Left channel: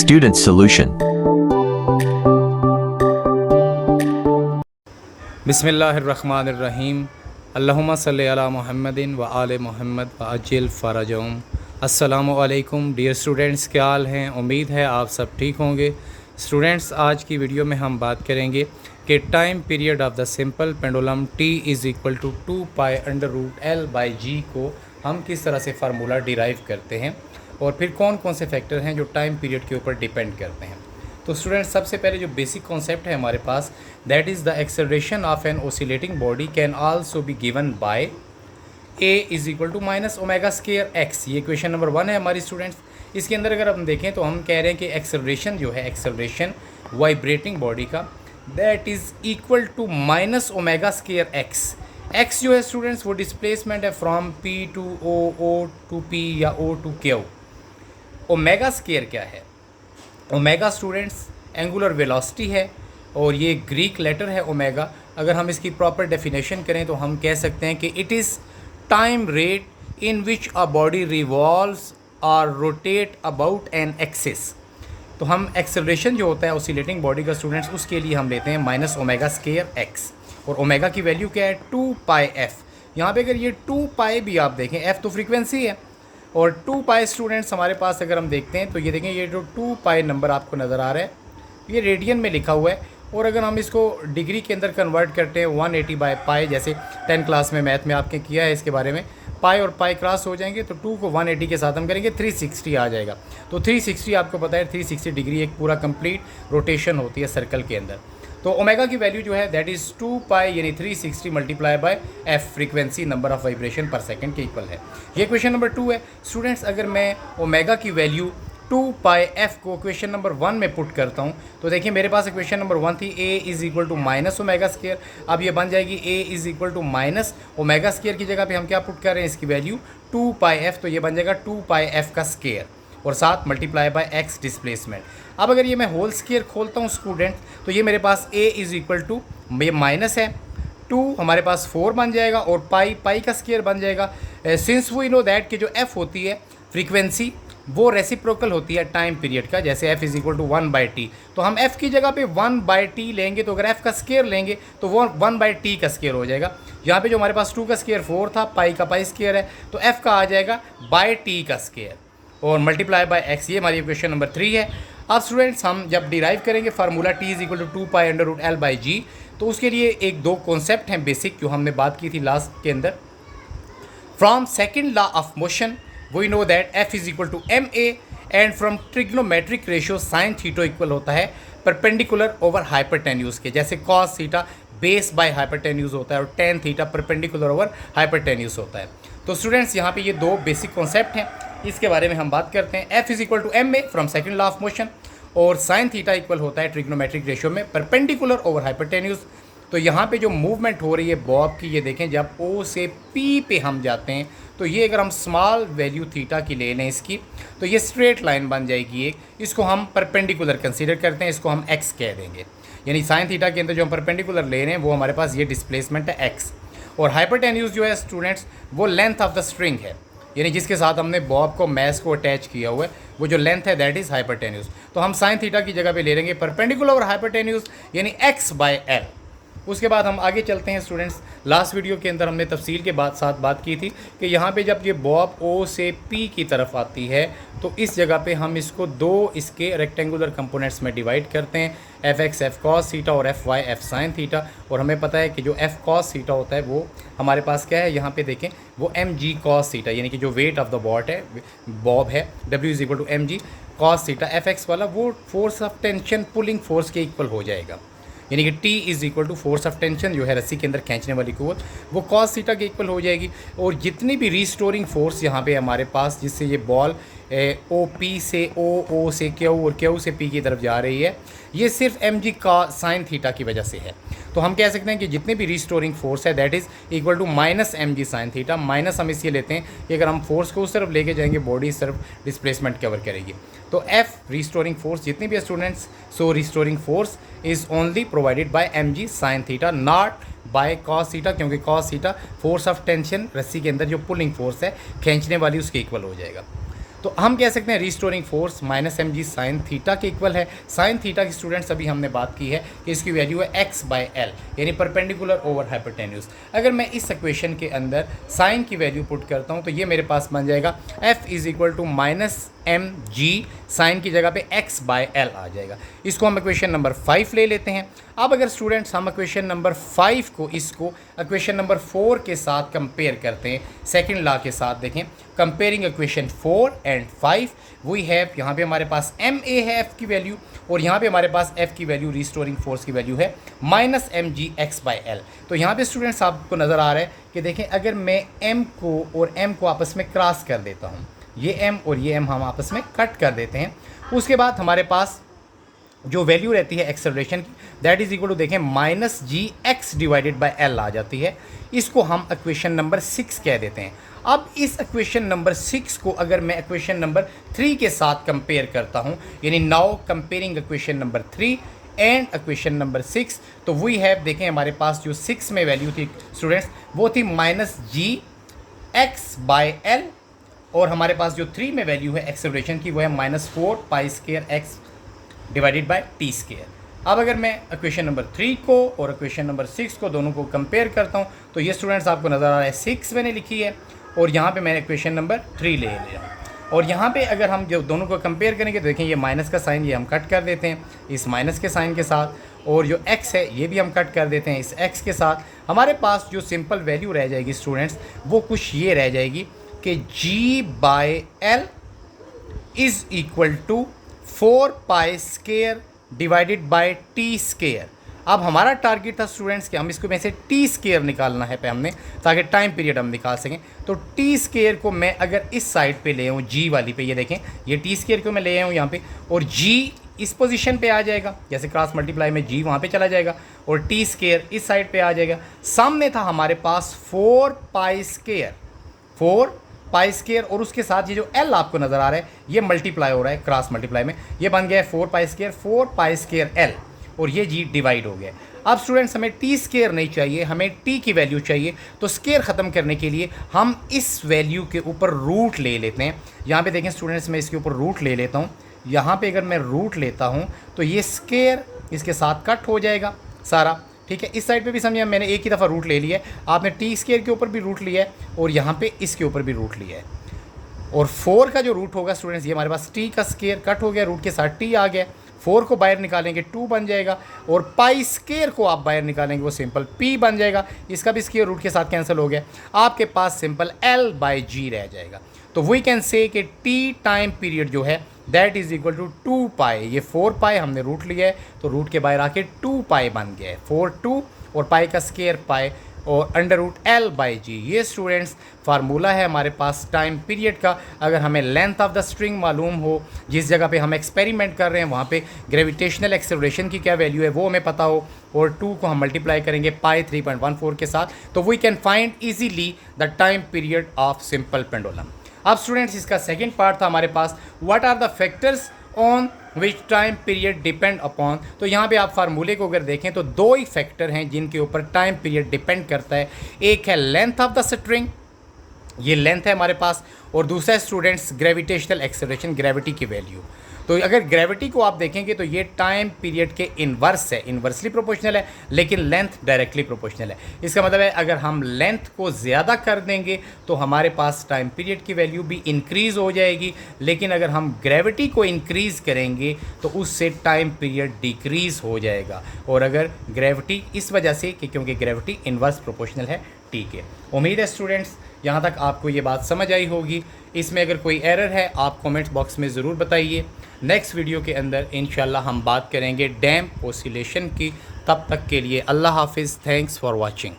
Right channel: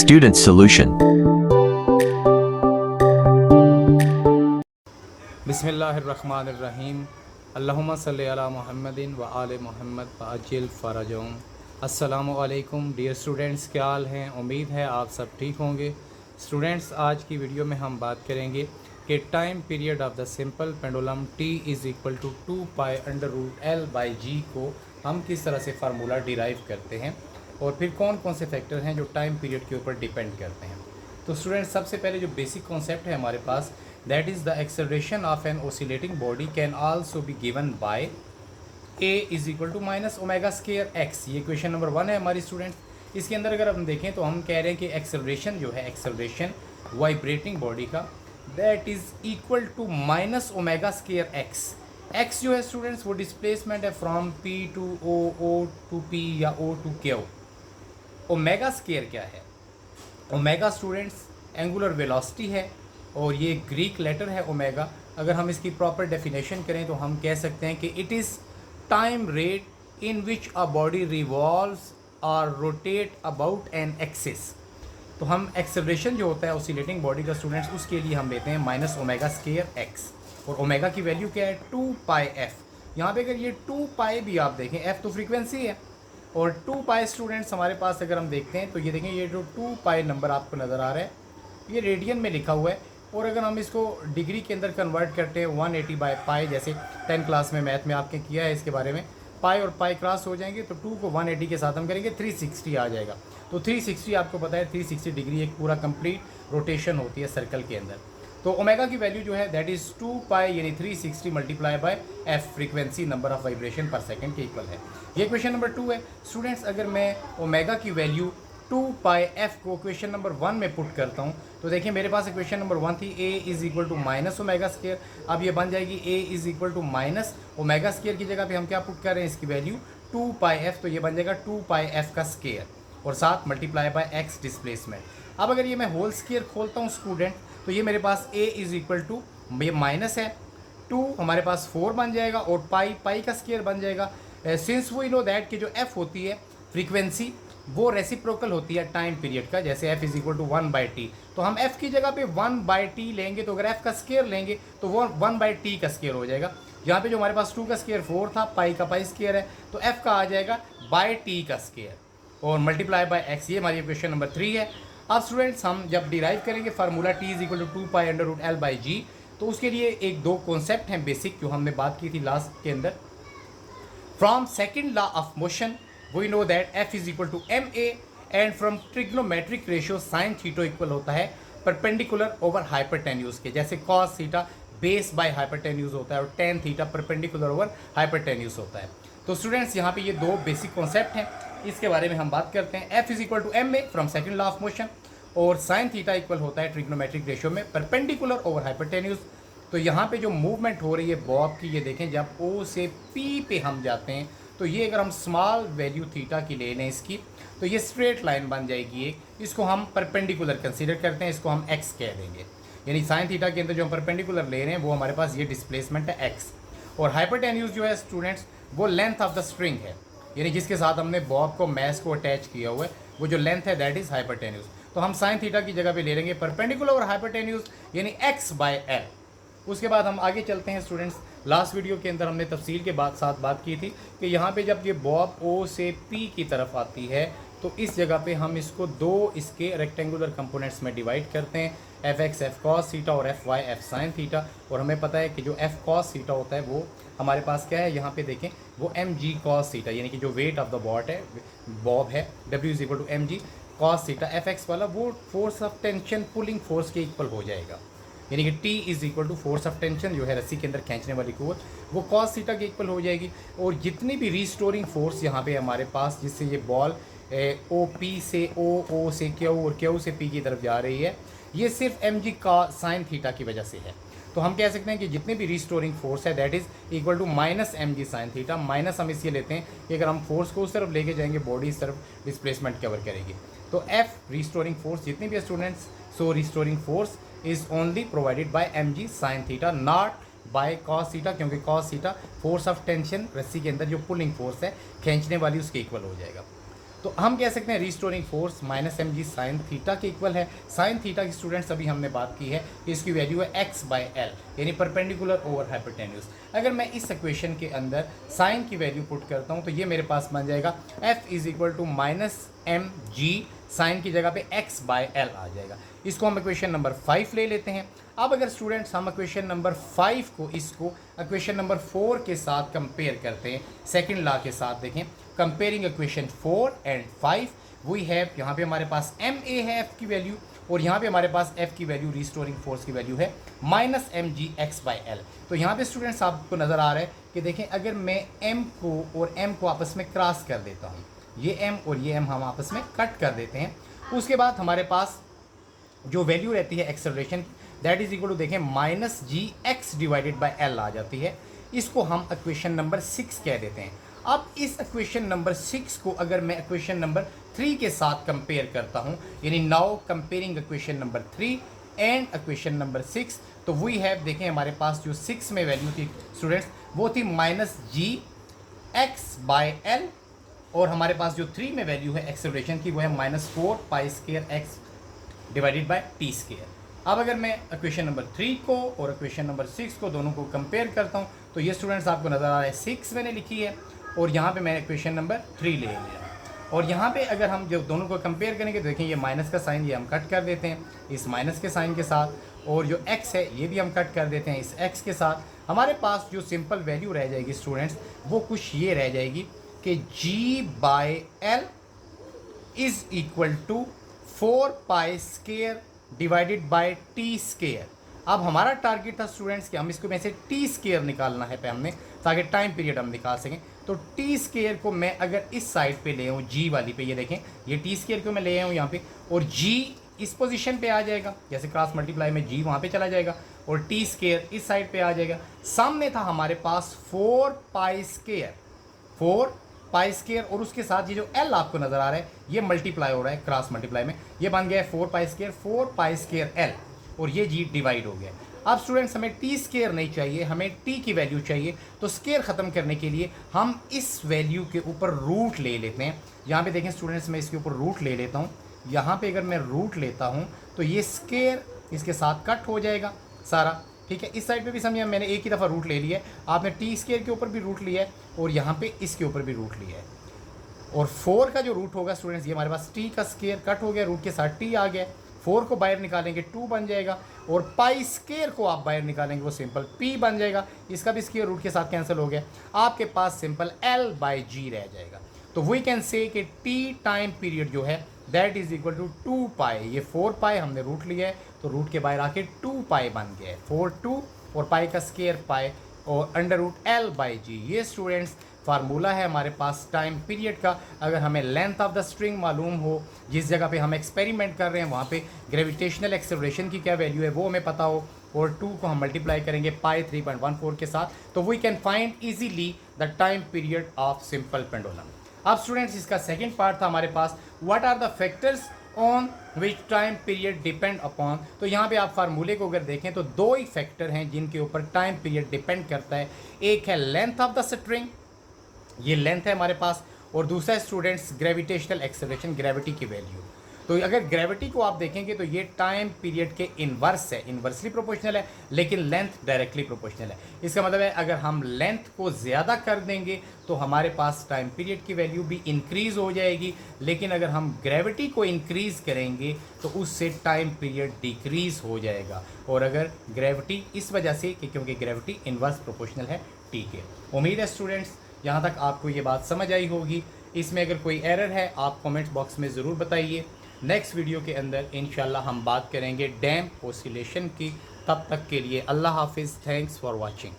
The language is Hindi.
Student solution. बिस्मिल्लाहिर्रहमानिर्रहीम। अल्लाहुम्मा सल्ली अला मुहम्मदिन व आले मुहम्मद व अज्जिल फ़रजहुम। अस्सलामु अलैकुम डियर स्टूडेंट्स, क्या हाल हैं? उम्मीद है आप सब ठीक होंगे। स्टूडेंट्स, आज की वीडियो में हम बात करेंगे कि time period of the simple pendulum t is equal to 2π√L/g को हम किस तरह से फार्मूला डिराइव करते हैं और फिर कौन कौन से फैक्टर हैं जो टाइम पीरियड के ऊपर डिपेंड करते हैं। तो स्टूडेंट्स, सबसे पहले जो बेसिक कॉन्सेप्ट है हमारे पास, that is the acceleration of an oscillating body can also be given by a is equal to minus omega square x। ये क्वेश्चन नंबर 1 है हमारी स्टूडेंट्स। इसके अंदर अगर हम देखें तो हम कह रहे हैं कि एक्सेलरेशन जो है, एक्सेलरेशन वाइब्रेटिंग बॉडी का, that is equal to minus omega square x जो है स्टूडेंट्स वो डिस्प्लेसमेंट है from p to o to p या o to q। Omega square क्या है? ओमेगा स्टूडेंट्स एंगुलर वेलोसिटी है और ये ग्रीक लेटर है ओमेगा। अगर हम इसकी प्रॉपर डेफिनेशन करें तो हम कह सकते हैं कि it is time rate in which a body revolves और रोटेट अबाउट एन एक्सिस। तो हम एक्सेलरेशन जो होता है ऑसिलेटिंग बॉडी का स्टूडेंट्स, उसके लिए हम लेते हैं माइनस ओमेगा स्केयर x और ओमेगा की वैल्यू क्या है? 2πf। यहाँ पे अगर ये 2π भी आप देखें, f तो फ्रीक्वेंसी है और 2π स्टूडेंट्स हमारे पास अगर हम देखते हैं तो ये देखें, ये जो 2π नंबर आपको नज़र आ रहा है ये रेडियन में लिखा हुआ है और अगर हम इसको डिग्री के अंदर कन्वर्ट करते हैं 180/π, जैसे 10 क्लास में मैथ में आपने किया है इसके बारे में, पाई और पाई क्रॉस हो जाएंगे तो 2 को 180 के साथ हम करेंगे 360 आ जाएगा। तो 360 आपको पता है 360 डिग्री एक पूरा कंप्लीट रोटेशन होती है सर्कल के अंदर। तो ओमेगा की वैल्यू जो है दैट इज़ 2π यानी 360 multiply by f, frequency number of vibration पर सेकंड के इक्वल है। ये क्वेश्चन नंबर 2 है स्टूडेंट्स। अगर मैं ओमेगा की वैल्यू 2πf को क्वेश्चन नंबर 1 में पुट करता हूँ तो देखिए मेरे पास क्वेश्चन नंबर 1 थी a is equal to minus omega square. अब ये बन जाएगी a is equal to minus omega square की जगह पे हम क्या पुट कर रहे हैं, इसकी वैल्यू 2πf, तो ये बन जाएगा 2πf का स्केयर और साथ मल्टीप्लाई बाय x डिस्प्लेसमेंट। अब अगर ये मैं होल स्केयर खोलता हूँ स्टूडेंट तो ये मेरे पास a इज़ इक्वल टू, ये माइनस है 2 हमारे पास 4 बन जाएगा और पाई का स्केयर बन जाएगा। सिंस वी नो दैट कि जो f होती है फ्रीक्वेंसी वो रेसिप्रोकल होती है टाइम पीरियड का, जैसे f is equal to 1/t, तो हम f की जगह पे 1/t लेंगे तो अगर f का स्केयर लेंगे तो वो 1/t का स्केयर हो जाएगा। यहाँ पे जो हमारे पास 2 का स्केयर 4 था, पाई का पाई स्केयर है, तो f का आ जाएगा बाय t का स्केयर और मल्टीप्लाई बाय x। ये हमारी क्वेश्चन नंबर 3 है। अब स्टूडेंट्स हम जब डिराइव करेंगे formula t is equal to 2π√L/g तो उसके लिए एक दो कॉन्सेप्ट हैं बेसिक जो हमने बात की थी लास्ट के अंदर। From second law of motion we know that f is equal to ma and from trigonometric ratio sine theta equal होता है परपेंडिकुलर ओवर हाइपरटेन्यूज के, जैसे cos theta base by hypotenuse होता है और tan theta perpendicular over hypotenuse होता है। तो स्टूडेंट्स यहाँ पे ये दो बेसिक कॉन्सेप्ट हैं, इसके बारे में हम बात करते हैं। f is equal to ma from second law of motion और साइन थीटा इक्वल होता है ट्रिग्नोमेट्रिक रेशियो में परपेंडिकुलर ओवर हाइपरटेन्यूज। तो यहाँ पे जो मूवमेंट हो रही है बॉब की, ये देखें जब O से P पे हम जाते हैं तो ये अगर हम स्मॉल वैल्यू थीटा की ले लें इसकी तो ये स्ट्रेट लाइन बन जाएगी एक, इसको हम परपेंडिकुलर कंसीडर करते हैं, इसको हम x कह देंगे। यानी साइन थीटा के अंदर जो हम परपेंडिकुलर ले रहे हैं वो हमारे पास ये डिस्प्लेसमेंट है x और हाइपरटेन्यूज जो है स्टूडेंट्स वो लेंथ ऑफ द स्ट्रिंग है, यानी जिसके साथ हमने बॉब को मैस को अटैच किया हुआ है वो जो लेंथ है दैट इज़ हाइपरटेन्यूज। तो हम साइन थीटा की जगह पे ले लेंगे परपेंडिकुलर और हाइपरटेन्यूज यानी x/L। उसके बाद हम आगे चलते हैं स्टूडेंट्स। लास्ट वीडियो के अंदर हमने तफसील के साथ बात की थी कि यहाँ पे जब ये बॉब O से P की तरफ आती है तो इस जगह पे हम इसको दो इसके रेक्टेंगुलर कंपोनेंट्स में डिवाइड करते हैं, fx f cos थीटा और fy f sin थीटा। और हमें पता है कि जो f cos थीटा होता है वो हमारे पास क्या है, यहाँ पे देखें वो mg cos थीटा, यानी कि जो वेट ऑफ द बॉब है w is equal to mg cos theta, fx वाला वो force of tension pulling force के इक्वल हो जाएगा, यानी कि T is equal to force of tension जो है रस्सी के अंदर खींचने वाली कुव्वत वो कॉस थीटा के इक्वल हो जाएगी। और जितनी भी रिस्टोरिंग फोर्स यहाँ पे हमारे पास जिससे ये बॉल OP से O से Q और Q से P की तरफ जा रही है, ये सिर्फ mg का साइन थीटा की वजह से है। तो हम कह सकते हैं कि जितनी भी रिस्टोरिंग फोर्स है that is equal to minus mg sine theta, minus हम इसलिए लेते हैं कि अगर हम फोर्स को उस तरफ लेके जाएंगे बॉडी इस तरफ डिस्प्लेसमेंट कवर करेगी। तो f रिस्टोरिंग फोर्स जितनी भी है students, so restoring force is only provided by mg sine theta not by cos theta, क्योंकि cos theta force of tension रस्सी के अंदर जो पुलिंग फोर्स है खींचने वाली उसके इक्वल हो जाएगा। तो हम कह सकते हैं restoring force minus M G sine theta के इक्वल है। साइन थीटा की स्टूडेंट्स अभी हमने बात की है कि इसकी वैल्यू है एक्स बाय एल, यानी परपेंडिकुलर ओवर हाइपोटेन्यूज। अगर मैं इस इक्वेशन के अंदर साइन की वैल्यू पुट करता हूँ तो ये मेरे पास बन जाएगा F is equal to minus M G, sine की जगह पे एक्स बाय एल आ जाएगा। इसको हम इक्वेशन नंबर 5 ले लेते हैं। अब अगर स्टूडेंट्स हम इक्वेशन नंबर 5 को इसको इक्वेशन नंबर 4 के साथ कंपेयर करते हैं, सेकंड लॉ के साथ, देखें comparing equation 4 and 5, we have यहाँ पे हमारे पास एम ए है एफ की वैल्यू, और यहाँ पे हमारे पास एफ की वैल्यू रिस्टोरिंग फोर्स की वैल्यू है minus M G X by L. तो यहाँ पे स्टूडेंट्स आपको नज़र आ रहा है कि देखें अगर मैं एम को और एम को आपस में क्रॉस कर देता हूँ, ये एम और ये एम हम आपस में कट कर देते हैं, उसके बाद हमारे पास जो वैल्यू रहती है एक्सेलरेशन की, दैट इज इक्वल टू देखें minus ji x divided by l आ जाती है। इसको हम इक्वेशन नंबर 6 कह देते हैं। अब इस इक्वेशन नंबर 6 को अगर मैं इक्वेशन नंबर 3 के साथ कंपेयर करता हूँ, यानी now comparing equation number 3 and equation number 6, तो वी हैव देखें हमारे पास जो 6 में वैल्यू थी स्टूडेंट्स वो थी minus ji X by L, और हमारे पास जो 3 में वैल्यू है एक्सेलरेशन की वो है minus 4 pi square x divided by T square. अब अगर मैं इक्वेशन नंबर 3 को और इक्वेशन नंबर 6 को दोनों को कंपेयर करता हूँ तो ये स्टूडेंट्स आपको नज़र आ रहा है 6 मैंने लिखी है और यहाँ पे मैंने इक्वेशन नंबर 3 ले लिया। और यहाँ पे अगर हम जो दोनों को कंपेयर करेंगे तो देखें ये माइनस का साइन ये हम कट कर देते हैं इस माइनस के साइन के साथ, और जो x है ये भी हम कट कर देते हैं इस x के साथ। हमारे पास जो सिंपल वैल्यू रह जाएगी स्टूडेंट्स वो कुछ ये रह जाएगी कि g by L is equal to 4 pi square divided by T square. अब हमारा टारगेट था स्टूडेंट्स कि हम इसको में से टी स्केयर निकालना है पे हमने, ताकि टाइम पीरियड हम निकाल सकें। तो टी स्केयर को मैं अगर इस साइड पे ले आऊँ जी वाली पे, ये देखें ये टी स्केयर को मैं ले आऊँ यहाँ पे, और जी इस पोजीशन पे आ जाएगा, जैसे क्रॉस मल्टीप्लाई में जी वहाँ पे चला जाएगा और टी स्केयर इस साइड पे आ जाएगा। सामने था हमारे पास 4 पाई स्केयर और उसके साथ ये जो एल आपको नज़र आ रहा है ये मल्टीप्लाई हो रहा है क्रॉस मल्टीप्लाई में, ये बन गया है 4 पाई स्केयर एल, और ये जी डिवाइड हो गया। अब स्टूडेंट्स हमें टी स्केयर नहीं चाहिए, हमें टी की वैल्यू चाहिए। तो स्केयर ख़त्म करने के लिए हम इस वैल्यू के ऊपर रूट ले लेते हैं। यहाँ पे देखें स्टूडेंट्स मैं इसके ऊपर रूट ले लेता हूँ। यहाँ पे अगर मैं रूट लेता हूँ तो ये स्केयर इसके साथ कट हो जाएगा सारा, ठीक है। इस साइड पे भी समझिए मैंने एक ही दफ़ा रूट ले लिया है, आपने टी स्केयर के ऊपर भी रूट लिया है और यहाँ पे इसके ऊपर भी रूट लिया है। और 4 का जो रूट होगा स्टूडेंट्स ये हमारे पास टी का स्केयर कट हो गया, रूट के साथ टी आ गया, 4 को बाहर निकालेंगे 2 बन जाएगा, और पाई स्केयर को आप बाहर निकालेंगे वो सिंपल p बन जाएगा, इसका भी स्केयर रूट के साथ कैंसिल हो गया, आपके पास सिंपल l बाई जी रह जाएगा। तो वी कैन से कि t टाइम पीरियड जो है दैट इज इक्वल टू 2 पाई, ये 4 पाई हमने रूट लिया है तो रूट के बाहर आके 2 पाई बन गया है, 4 2 और पाई का स्केयर पाई और अंडर रूट एल बाई जी। ये स्टूडेंट्स फार्मूला है हमारे पास टाइम पीरियड का। अगर हमें लेंथ ऑफ द स्ट्रिंग मालूम हो, जिस जगह पे हम एक्सपेरिमेंट कर रहे हैं वहाँ पे ग्रेविटेशनल एक्सेलरेशन की क्या वैल्यू है वो हमें पता हो, और 2 को हम मल्टीप्लाई करेंगे पाई 3.14 के साथ, तो we can find easily the time period of simple pendulum. अब स्टूडेंट्स इसका सेकेंड पार्ट था हमारे पास what are the factors on which time period depend upon. तो यहाँ पे आप फार्मूले को अगर देखें तो 2 ही फैक्टर हैं जिनके ऊपर टाइम पीरियड डिपेंड करता है। एक है लेंथ ऑफ द स्ट्रिंग, ये लेंथ है हमारे पास, और दूसरा है स्टूडेंट्स ग्रेविटेशनल एक्सेलरेशन, ग्रेविटी की वैल्यू। तो अगर ग्रेविटी को आप देखेंगे तो ये टाइम पीरियड के इन्वर्स है, इन्वर्सली प्रोपोर्शनल है, लेकिन लेंथ डायरेक्टली प्रोपोर्शनल है। इसका मतलब है अगर हम लेंथ को ज़्यादा कर देंगे तो हमारे पास टाइम पीरियड की वैल्यू भी इंक्रीज़ हो जाएगी, लेकिन अगर हम ग्रेविटी को इंक्रीज़ करेंगे तो उससे टाइम पीरियड डिक्रीज़ हो जाएगा। और अगर ग्रेविटी इस वजह से कि क्योंकि ग्रेविटी इन्वर्स प्रोपोर्शनल है, ठीक है। उम्मीद है स्टूडेंट्स यहाँ तक आपको ये बात समझ आई होगी। इसमें अगर कोई एरर है आप कमेंट्स बॉक्स में ज़रूर बताइए। नेक्स्ट वीडियो के अंदर इंशाल्लाह हम बात करेंगे डैम्प ऑसिलेशन की। तब तक के लिए अल्लाह हाफिज़। Thanks for watching.